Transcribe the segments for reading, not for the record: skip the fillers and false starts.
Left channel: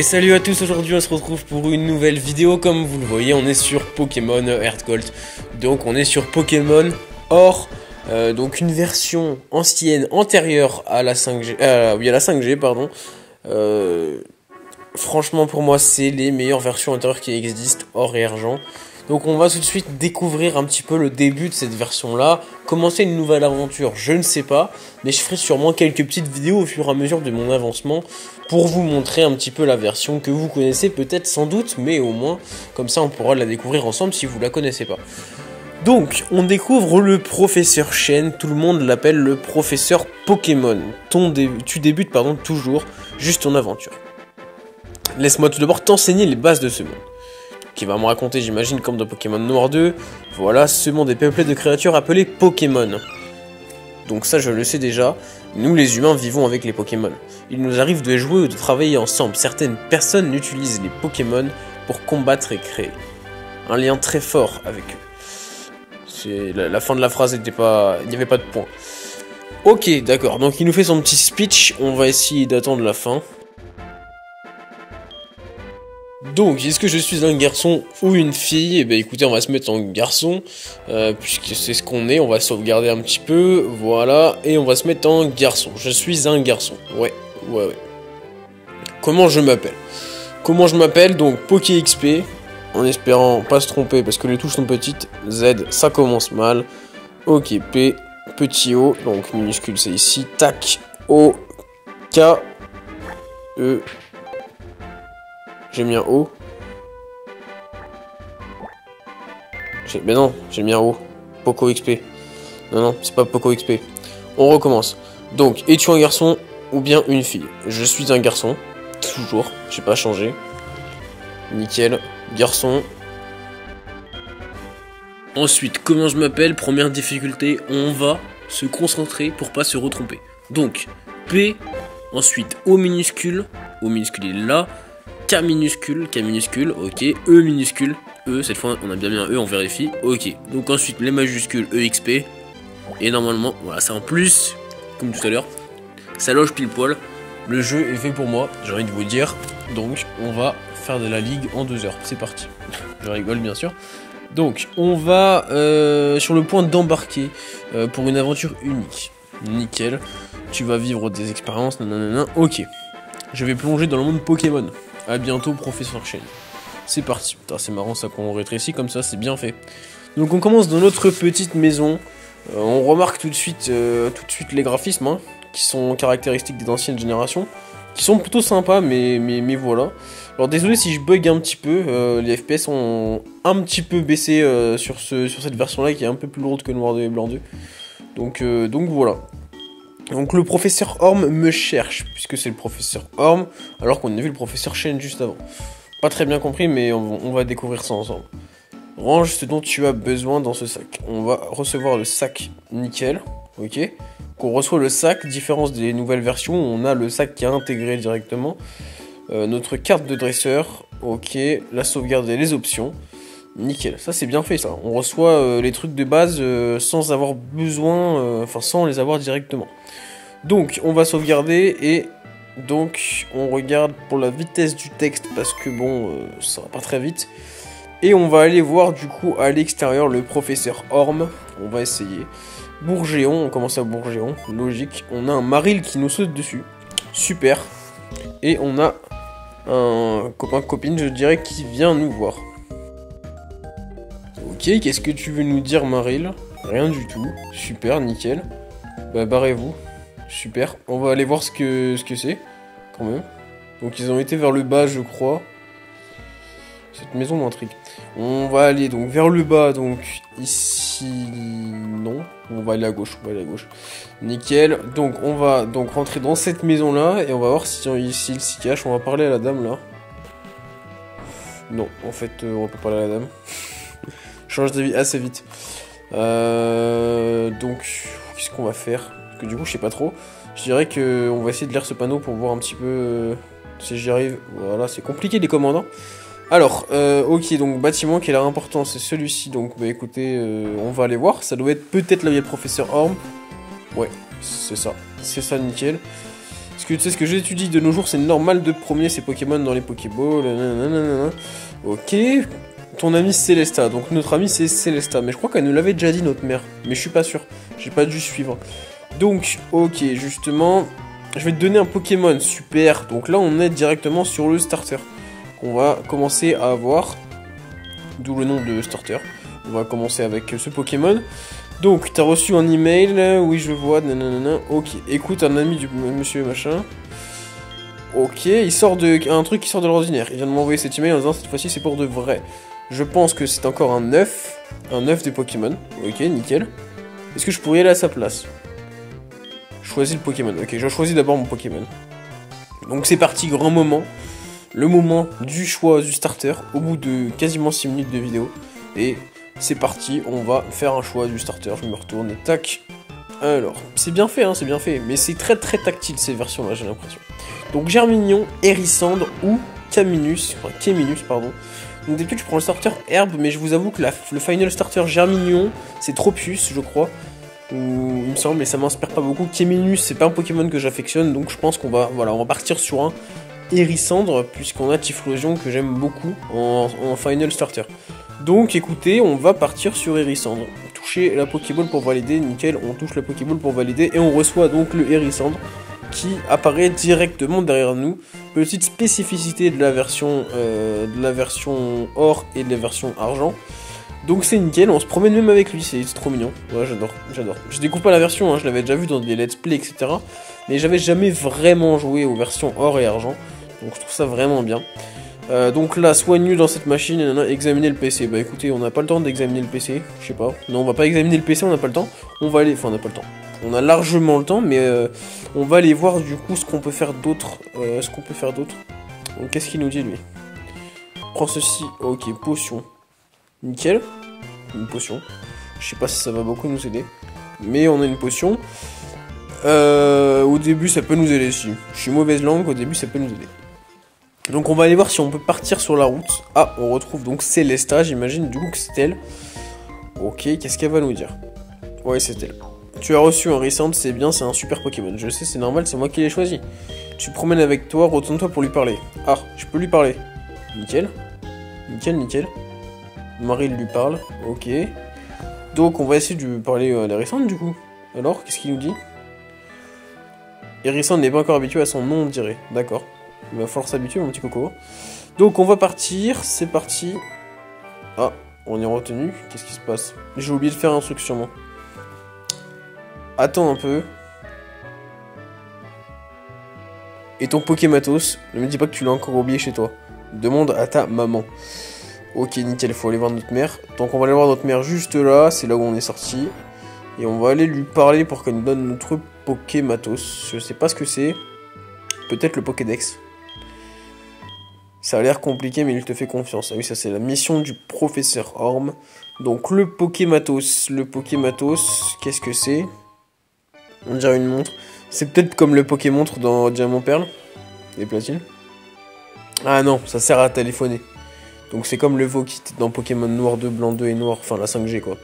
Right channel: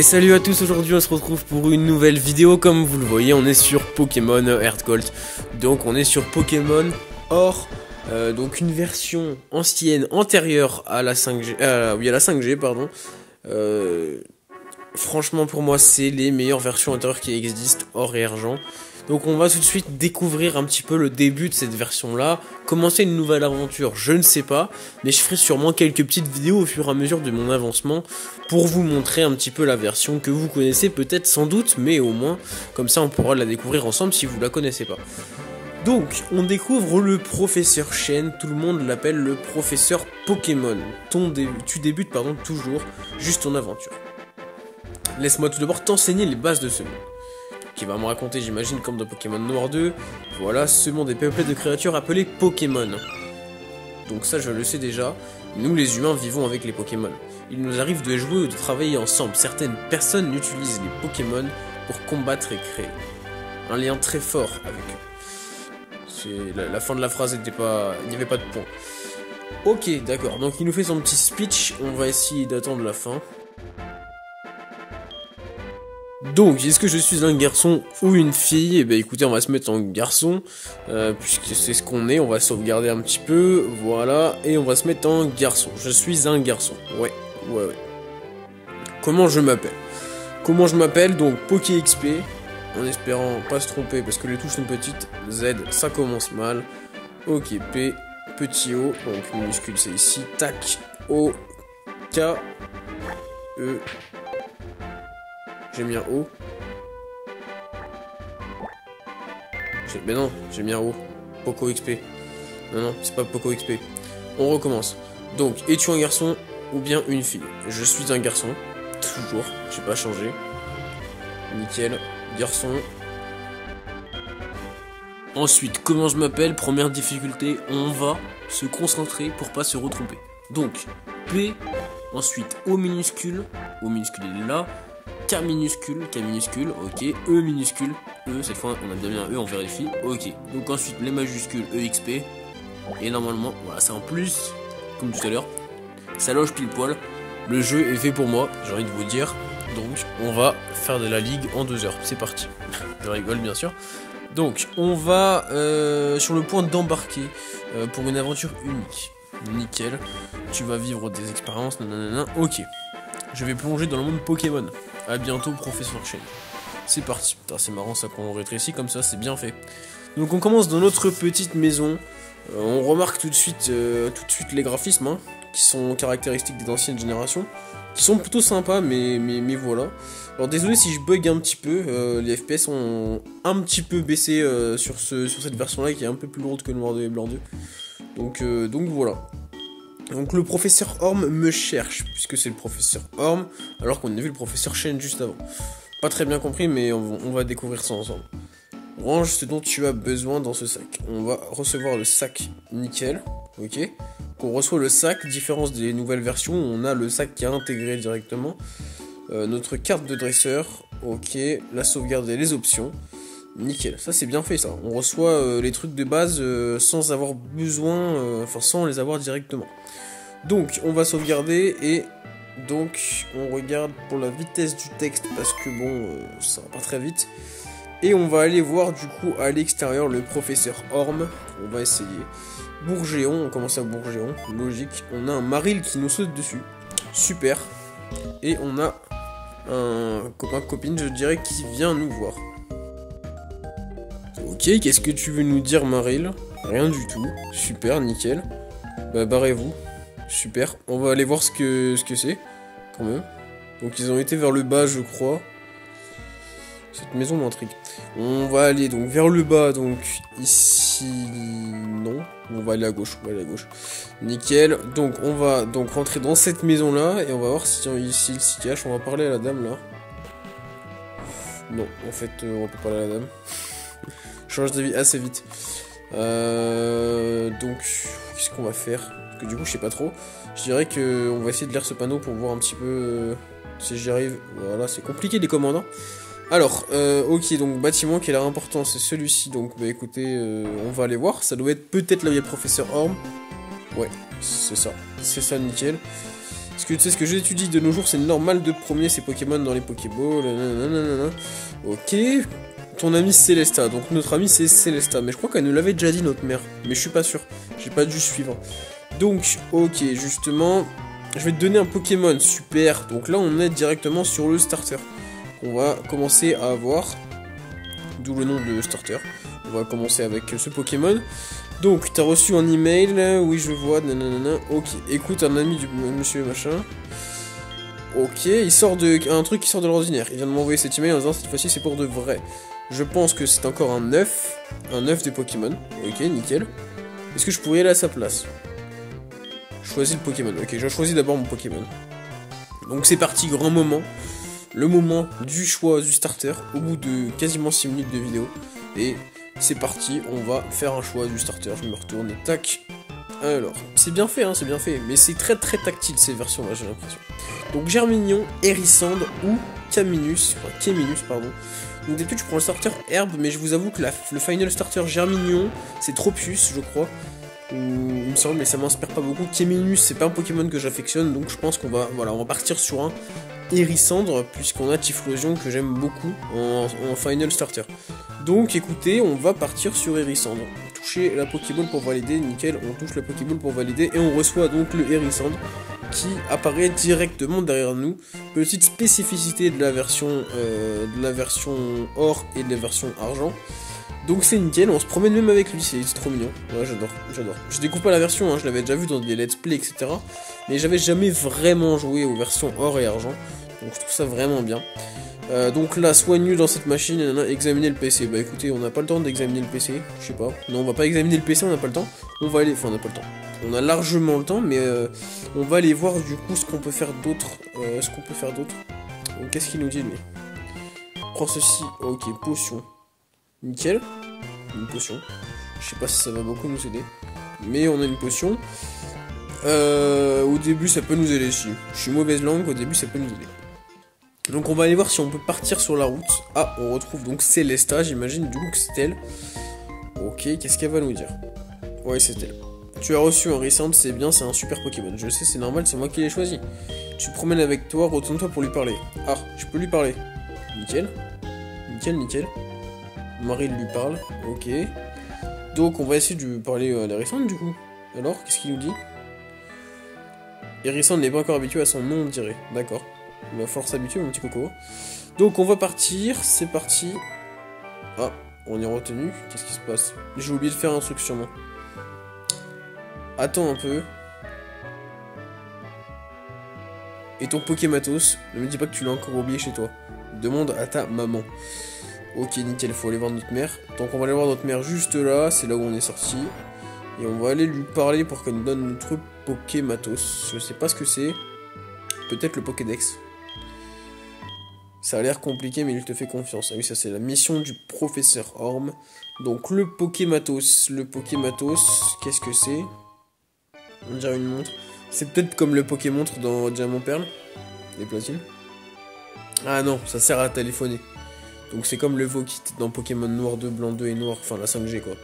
Et salut à tous, aujourd'hui on se retrouve pour une nouvelle vidéo. Comme vous le voyez, on est sur Pokémon Heart Gold. Donc on est sur Pokémon Or, donc une version ancienne, antérieure à la 5G, à la 5G pardon. Franchement pour moi c'est les meilleures versions antérieures qui existent, Or et Argent. Donc on va tout de suite découvrir un petit peu le début de cette version là. Commencer une nouvelle aventure, je ne sais pas, mais je ferai sûrement quelques petites vidéos au fur et à mesure de mon avancement pour vous montrer un petit peu la version que vous connaissez peut-être sans doute, mais au moins comme ça on pourra la découvrir ensemble si vous la connaissez pas. Donc on découvre le professeur Chen, tout le monde l'appelle le professeur Pokémon. Tu débutes toujours juste ton aventure. Laisse-moi tout d'abord t'enseigner les bases de ce monde. Qui va me raconter, j'imagine, comme dans Pokémon Noir 2, voilà, ce monde est peuplé de créatures appelées Pokémon. Donc ça, je le sais déjà, nous les humains vivons avec les Pokémon. Il nous arrive de jouer ou de travailler ensemble. Certaines personnes utilisent les Pokémon pour combattre et créer un lien très fort avec eux. La fin de la phrase n'était pas... il n'y avait pas de point. Ok, d'accord, donc il nous fait son petit speech, on va essayer d'attendre la fin. Donc, est-ce que je suis un garçon ou une fille? Eh ben écoutez, on va se mettre en garçon, puisque c'est ce qu'on est, on va sauvegarder un petit peu, voilà, et on va se mettre en garçon. Je suis un garçon, ouais. Comment je m'appelle? Donc, Poké XP, en espérant pas se tromper, parce que les touches sont petites. Z, ça commence mal. Ok, P, petit O, donc minuscule c'est ici. Tac, O, K, E... J'ai mis un O. Mais non, j'ai mis un O. Poco XP. Non, c'est pas Poco XP. On recommence. Donc, es-tu un garçon ou bien une fille? Je suis un garçon. Toujours. J'ai pas changé. Nickel. Garçon. Ensuite, comment je m'appelle? Première difficulté, on va se concentrer pour pas se retromper. Donc, P. Ensuite, O minuscule. O minuscule il est là. K minuscule, ok, E minuscule, E, cette fois on a bien mis un E, on vérifie, ok. Donc ensuite les majuscules EXP, et normalement, voilà, c'est en plus, comme tout à l'heure, ça loge pile poil, le jeu est fait pour moi, j'ai envie de vous dire, donc on va faire de la ligue en 2 heures, c'est parti, je rigole bien sûr. Donc on va sur le point d'embarquer pour une aventure unique, nickel, tu vas vivre des expériences, nanana, ok. Je vais plonger dans le monde Pokémon. A bientôt, professeur Chen. C'est parti. Putain, c'est marrant ça qu'on rétrécit comme ça, c'est bien fait. Donc on commence dans notre petite maison. On remarque tout de suite les graphismes, hein, qui sont caractéristiques des anciennes générations, qui sont plutôt sympas, mais voilà. Alors désolé si je bug un petit peu, les FPS ont un petit peu baissé sur cette version-là qui est un peu plus lourde que Noir 2 et Blanc 2. Donc voilà. Donc le professeur Orm me cherche, puisque c'est le professeur Orm, alors qu'on a vu le professeur Chen juste avant. Pas très bien compris, mais on va découvrir ça ensemble. Range ce dont tu as besoin dans ce sac. On va recevoir le sac nickel, ok. On reçoit le sac, différence des nouvelles versions, on a le sac qui est intégré directement. Notre carte de dresseur, ok. La sauvegarde et les options, nickel. Ça c'est bien fait ça. On reçoit les trucs de base sans avoir besoin, sans les avoir directement. Donc on va sauvegarder et donc on regarde pour la vitesse du texte parce que bon ça va pas très vite. Et on va aller voir du coup à l'extérieur le professeur Orm. On va essayer. Bourgéon, on commence à Bourgéon, logique. On a un Marill qui nous saute dessus. Super. Et on a un copain-copine je dirais qui vient nous voir. Ok, qu'est-ce que tu veux nous dire Marill? Rien du tout. Super, nickel. Bah barrez-vous. Super, on va aller voir ce que c'est, quand même. Donc ils ont été vers le bas, je crois. Cette maison m'intrigue. On va aller donc vers le bas, donc ici... Non, on va aller à gauche, Nickel, donc on va donc rentrer dans cette maison-là, et on va voir s'il s'y cache. On va parler à la dame, là. Non, en fait, on va pas parler à la dame. Change d'avis assez vite. Donc, qu'est-ce qu'on va faire? Parce que du coup, je sais pas trop. Je dirais que on va essayer de lire ce panneau pour voir un petit peu si j'y arrive. Voilà, c'est compliqué les commandants. Alors, ok, donc bâtiment qui a l'air important, c'est celui-ci. Donc, bah écoutez, on va aller voir. Ça doit être peut-être la vieille professeur Orm. Ouais, c'est ça, nickel. Parce que tu sais, ce que j'étudie de nos jours, c'est normal de promener ces Pokémon dans les Pokéballs. Ok. Ton ami Célesta. Donc notre ami c'est Célesta. Mais je crois qu'elle nous l'avait déjà dit, notre mère. Mais je suis pas sûr. J'ai pas dû suivre. Donc, ok, justement, je vais te donner un Pokémon. Super. Donc là, on est directement sur le starter. On va commencer à avoir. D'où le nom de starter. On va commencer avec ce Pokémon. Donc, tu as reçu un email, oui je vois, nanana, ok, écoute un ami du monsieur machin. Ok, il sort de... un truc qui sort de l'ordinaire. Il vient de m'envoyer cet email en disant cette fois-ci c'est pour de vrai. Je pense que c'est encore un œuf des Pokémon. Ok, nickel. Est-ce que je pourrais aller à sa place? Choisis le Pokémon. Ok, je choisis d'abord mon Pokémon. Donc c'est parti, grand moment. Le moment du choix du starter, au bout de quasiment 6 minutes de vidéo. Et... c'est parti, on va faire un choix du starter, je me retourne, tac. Alors, c'est bien fait, hein, c'est bien fait, mais c'est très très tactile ces versions-là, j'ai l'impression. Donc Germignon, Hérissandre ou Caminus, pardon. Donc d'habitude je prends le starter herbe, mais je vous avoue que le final starter Germignon, c'est trop puce, je crois. Il me semble, mais ça m'inspire pas beaucoup. Caminus, c'est pas un Pokémon que j'affectionne, donc je pense qu'on va, voilà, on va partir sur un Hérissandre, puisqu'on a Typhlosion que j'aime beaucoup en final starter. Donc écoutez, on va partir sur Hérissandre. Toucher la Pokéball pour valider, nickel, on touche la Pokéball pour valider et on reçoit donc le Hérissandre qui apparaît directement derrière nous. Petite spécificité de la version or et de la version argent. Donc c'est nickel, on se promène même avec lui, c'est trop mignon. Ouais, j'adore. Je découvre pas la version, hein, je l'avais déjà vu dans des let's play, etc. Mais j'avais jamais vraiment joué aux versions or et argent. Donc je trouve ça vraiment bien. Donc là, soigneux dans cette machine, examiner le PC. Bah écoutez, on n'a pas le temps d'examiner le PC, je sais pas. Non, on va pas examiner le PC, on n'a pas le temps. On va aller, enfin on n'a pas le temps. On a largement le temps, mais on va aller voir du coup ce qu'on peut faire d'autre. Donc qu'est-ce qu'il nous dit lui? Prends ceci, ok, potion. Nickel, une potion. Je sais pas si ça va beaucoup nous aider, mais on a une potion. Au début ça peut nous aider si. Je suis mauvaise langue, au début ça peut nous aider. Donc on va aller voir si on peut partir sur la route. Ah, on retrouve donc Célesta, j'imagine du coup que c'est elle. Ok, qu'est-ce qu'elle va nous dire? Ouais, c'est elle. Tu as reçu un Hérissandre, c'est bien, c'est un super Pokémon. Je sais, c'est normal, c'est moi qui l'ai choisi. Tu promènes avec toi, retourne-toi pour lui parler. Ah, je peux lui parler. Nickel. Nickel. Marie lui parle, ok. Donc on va essayer de lui parler à l'Hérissandre du coup. Alors, qu'est-ce qu'il nous dit? Hérissandre n'est pas encore habitué à son nom, on dirait. D'accord. Il va falloir s'habituer, mon petit coco. Donc on va partir, c'est parti. Ah, on est retenu. Qu'est-ce qui se passe? J'ai oublié de faire un truc sûrement. Attends un peu. Et ton Pokématos, ne me dis pas que tu l'as encore oublié chez toi. Demande à ta maman. Ok, nickel, faut aller voir notre mère. Donc on va aller voir notre mère juste là, c'est là où on est sorti. Et on va aller lui parler pour qu'elle nous donne notre Pokématos. Je sais pas ce que c'est. Peut-être le Pokédex. Ça a l'air compliqué, mais il te fait confiance. Ah oui, ça c'est la mission du professeur Orm. Donc le Pokématos. Qu'est-ce que c'est? On dirait une montre. C'est peut-être comme le Pokémontre dans Diamant Perle. Les platines. Ah non, ça sert à téléphoner. Donc c'est comme le Vokit dans Pokémon Noir 2, Blanc 2 et Noir, enfin la 5G quoi.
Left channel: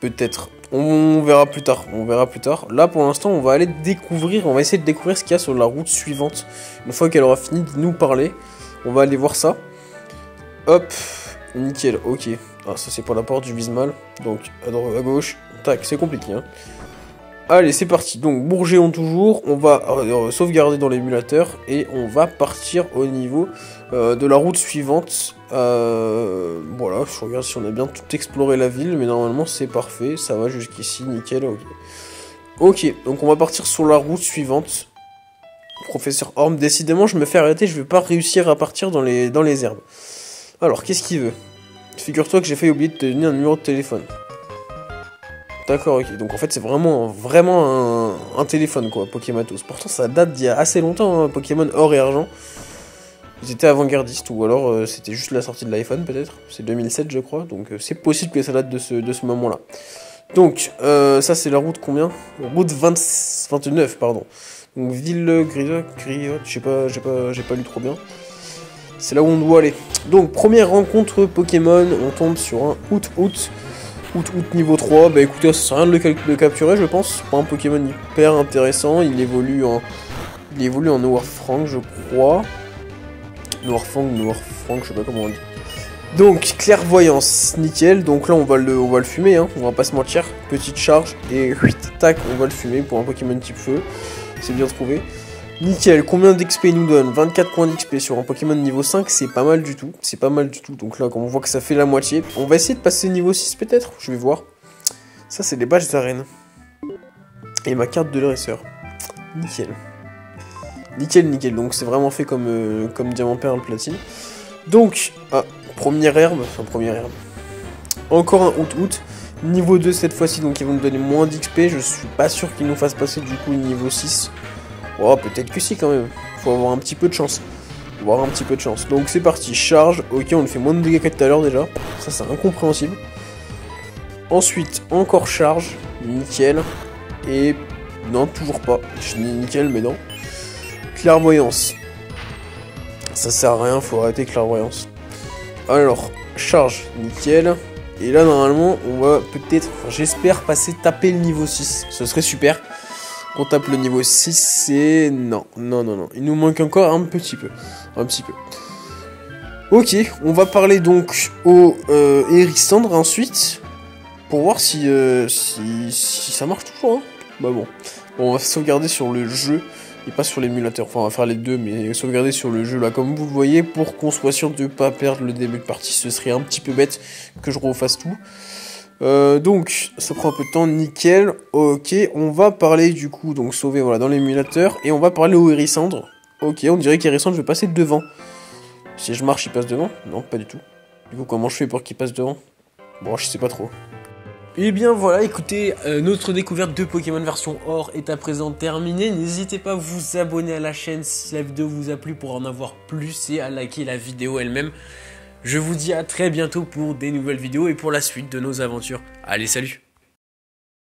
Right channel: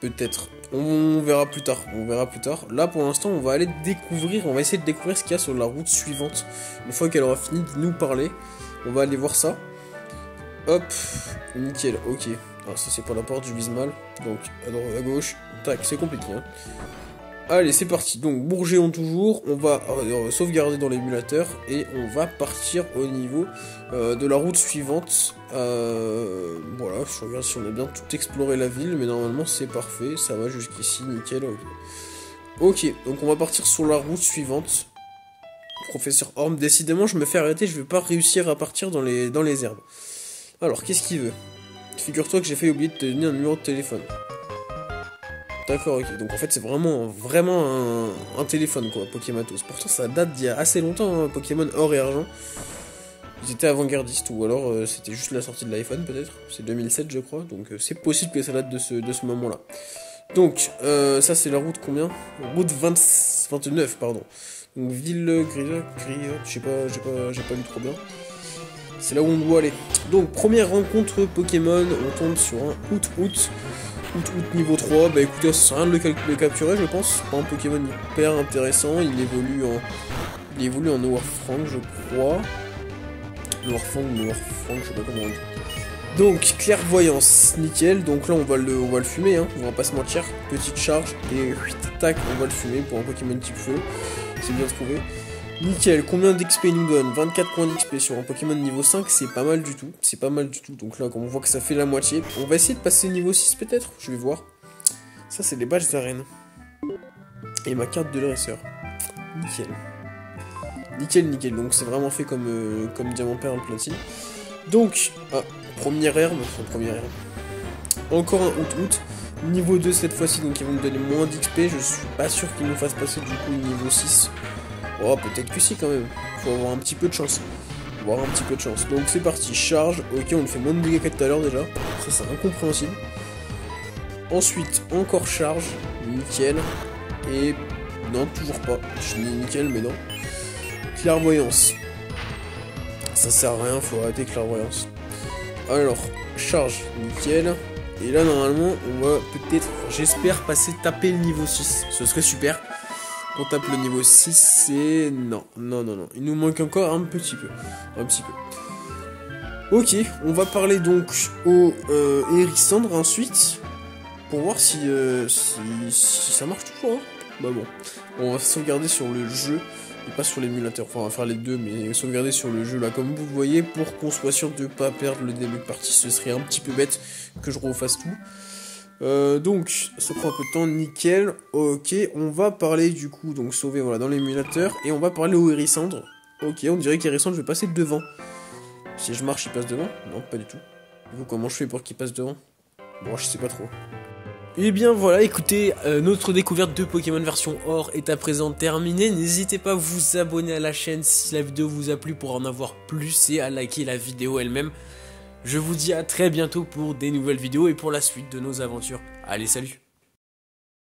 Peut-être. On verra plus tard. Là pour l'instant on va aller découvrir, on va essayer de découvrir ce qu'il y a sur la route suivante. Une fois qu'elle aura fini de nous parler, on va aller voir ça. Hop, nickel, ok. Ah ça c'est pour la porte, je vise mal. Donc à droite, à gauche, tac, c'est compliqué hein. Allez, c'est parti. Donc, Bourgeon toujours. On va sauvegarder dans l'émulateur. Et on va partir au niveau de la route suivante. Voilà, je regarde si on a bien tout exploré la ville. Mais normalement, c'est parfait. Ça va jusqu'ici, nickel. Ok, donc on va partir sur la route suivante. Professeur Orm, décidément, je me fais arrêter. Je vais pas réussir à partir dans les herbes. Alors, qu'est-ce qu'il veut? Figure-toi que j'ai failli oublier de te donner un numéro de téléphone. D'accord, ok. Donc en fait c'est vraiment un téléphone quoi, Pokématos. Pourtant ça date d'il y a assez longtemps, hein, Pokémon Or et Argent. Ils étaient avant-gardistes ou alors c'était juste la sortie de l'iPhone peut-être. C'est 2007 je crois, donc c'est possible que ça date de ce moment-là. Donc ça c'est la route combien? Route 29 pardon. Donc ville Grilla, je sais pas, j'ai pas lu trop bien. C'est là où on doit aller. Donc première rencontre Pokémon, on tombe sur un Out niveau 3, bah écoutez, ça sert à rien de le capturer je pense, c'est pas un Pokémon hyper intéressant, il évolue Il évolue en Noirfang, je crois. Noirfang, je sais pas comment on dit. Donc, clairvoyance, nickel. Donc là, on va le fumer, hein. On va pas se mentir. Petite charge et tac, on va le fumer pour un Pokémon type feu. C'est bien trouvé. Nickel, combien d'XP il nous donne? 24 points d'XP sur un Pokémon niveau 5, c'est pas mal du tout. C'est pas mal du tout. Donc là, comme on voit que ça fait la moitié, on va essayer de passer niveau 6 peut-être. Je vais voir. Ça, c'est les badges d'arène. Et ma carte de dresseur. Nickel. Nickel. Donc c'est vraiment fait comme diamant perle platine. Donc, première herbe. Encore un out. Niveau 2 cette fois-ci, donc ils vont nous donner moins d'XP. Je suis pas sûr qu'ils nous fassent passer du coup niveau 6. Oh, peut-être que si quand même. Faut avoir un petit peu de chance. Donc c'est parti, charge. Ok, on lui fait moins de dégâts que tout à l'heure déjà. Ça, c'est incompréhensible. Ensuite, encore charge. Nickel. Et non, toujours pas. Je dis nickel, mais non. Clairvoyance. Ça sert à rien, faut arrêter clairvoyance. Alors, charge. Nickel. Et là, normalement, on va peut-être, j'espère, taper le niveau 6. Ce serait super. On tape le niveau 6, c'est... Non. Il nous manque encore un petit peu. Ok, on va parler donc au Hérissandre ensuite. Pour voir si ça marche toujours. Hein. Bah bon. On va sauvegarder sur le jeu et pas sur l'émulateur. Enfin, on va faire les deux, mais sauvegarder sur le jeu là, comme vous le voyez, pour qu'on soit sûr de ne pas perdre le début de partie. Ce serait un petit peu bête que je refasse tout. Donc, ça prend un peu de temps, nickel. Ok, on va parler du coup, donc sauver voilà, dans l'émulateur. Et on va parler au Hérissandre. Ok, on dirait qu'Hérissandre, je vais passer devant. Si je marche, il passe devant? Non, pas du tout. Du coup, comment je fais pour qu'il passe devant? Bon, je sais pas trop. Et bien voilà, écoutez, notre découverte de Pokémon version or est à présent terminée. N'hésitez pas à vous abonner à la chaîne si la vidéo vous a plu pour en avoir plus et à liker la vidéo elle-même. Je vous dis à très bientôt pour des nouvelles vidéos et pour la suite de nos aventures. Allez, salut!